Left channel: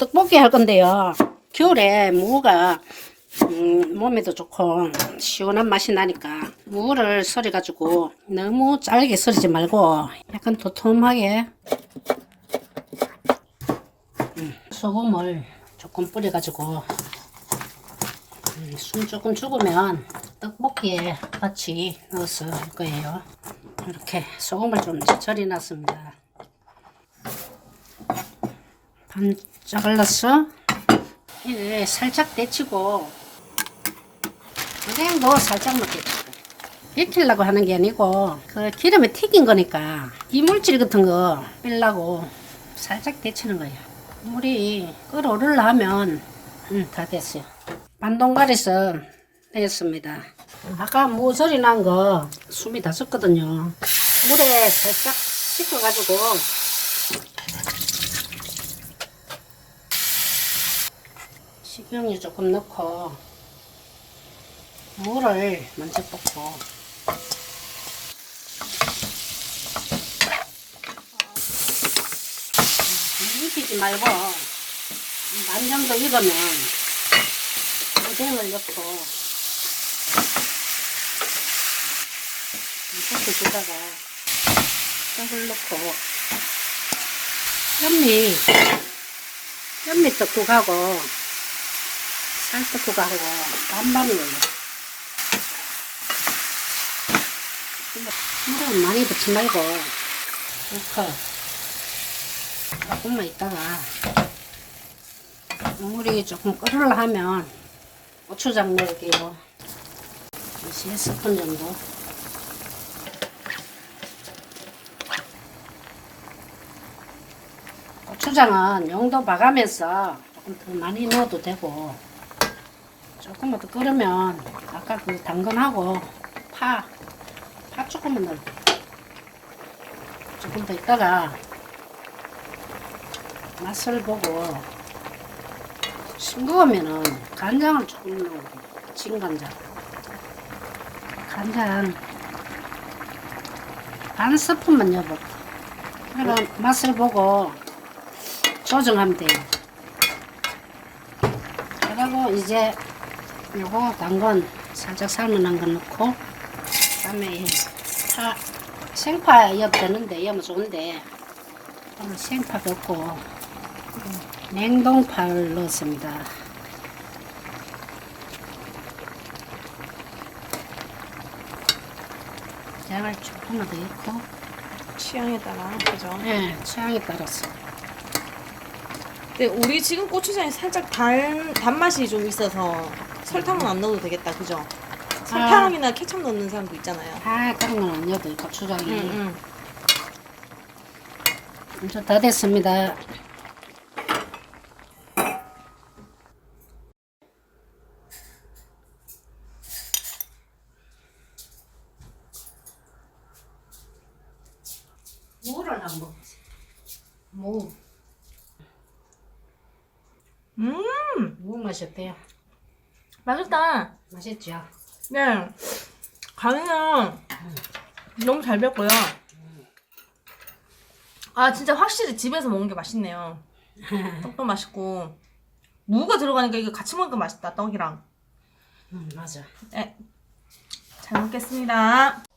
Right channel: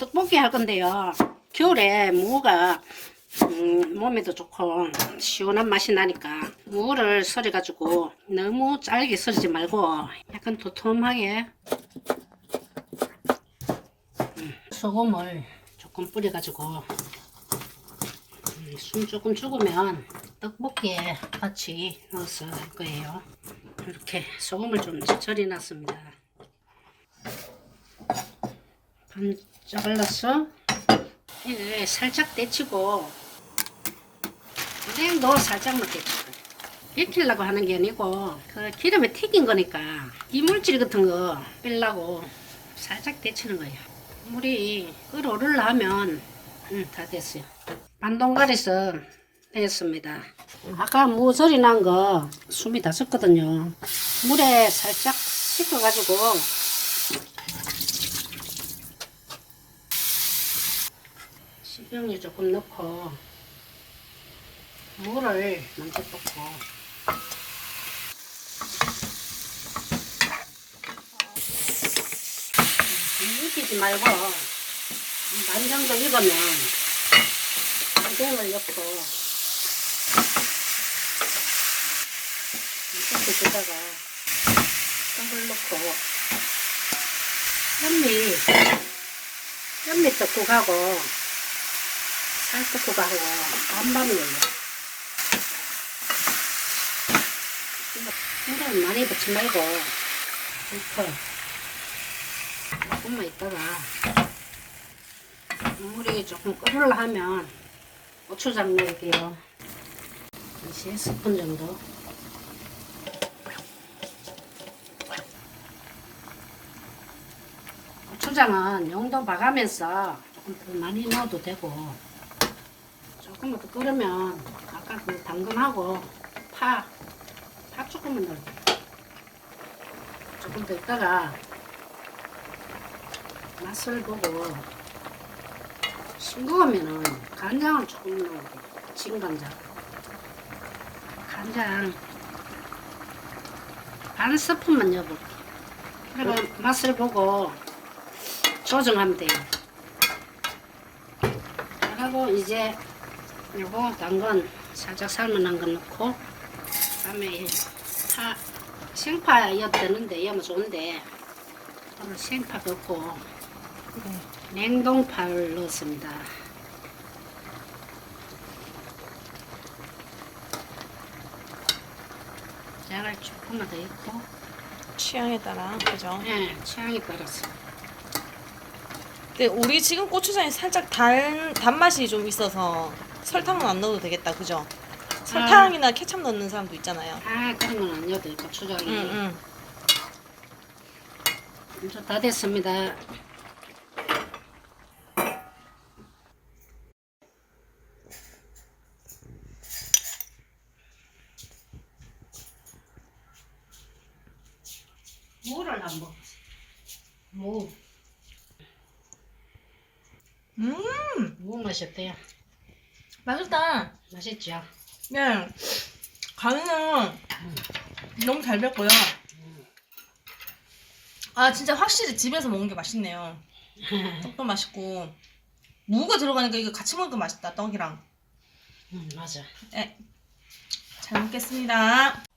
떡볶이 할 건데요. 겨울에 무가 음, 몸에도 좋고 시원한 맛이 나니까 무를 썰어가지고 너무 짧게 썰지 말고 약간 도톰하게 음, 소금을 조금 뿌려가지고 음, 숨 조금 죽으면 떡볶이에 같이 할 거예요. 이렇게 소금을 좀 절여놨습니다. 반 잘라서 이게 살짝 데치고 그냥 뭐 살짝만 데치고 익히려고 하는 게 아니고 그 기름에 튀긴 거니까 이물질 같은 거 빼려고 살짝 데치는 거예요. 물이 끓어오르려 하면 음, 다 됐어요. 반동가리서 내겠습니다. 아까 무소리 난거 숨이 다 섰거든요. 물에 살짝 식혀가지고 식용유 조금 넣고. 물을 먼저 붓고. 익히지 말고 반 정도 익으면 오뎅을 넣고. 이렇게 주다가 떡을 넣고. 현미 현미 떡국하고 살떡국하고 반반 넣어요 물은 많이 넣지 말고 이렇게. 조금만 있다가 물이 조금 끓으려 하면 고추장 넣을게요. 3스푼 정도. 고추장은 용도 봐가면서 조금 더 많이 넣어도 되고 조금만 더 끓으면 아까 그 당근하고 파, 파 조금만 넣어 조금 더 있다가 맛을 보고 싱거우면은 간장을 조금 넣어요 진간장 간장 반 스푼만 넣어봐. 그러면 맛을 보고 조정하면 돼요. 그리고 이제 요거 당근 살짝 삶아놓은 거 넣고 그다음에 이 파, 생파 엿 되는데 엿 좋은데 오늘 생파 넣고 냉동파를 넣었습니다 제가 조금만 더 넣고 취향에 따라 그죠? 네, 취향에 따라서 근데 우리 지금 고추장이 살짝 단 단맛이 좀 있어서 설탕은 안 넣어도 되겠다 그죠? 설탕이나 케첩 넣는 사람도 있잖아요. 아 그런 건 아니어도 고추장이 응, 응. 이제 다 됐습니다 무를 한번 무, 음, 무 맛이 어때요? 맛있다. 맛있죠? 네, 간은 너무 잘 뱄고요. 아 진짜 확실히 집에서 먹는 게 맛있네요. 떡도 맛있고 무가 들어가니까 이거 같이 먹으니까 맛있다 떡이랑. 음, 맞아 네, 잘 먹겠습니다.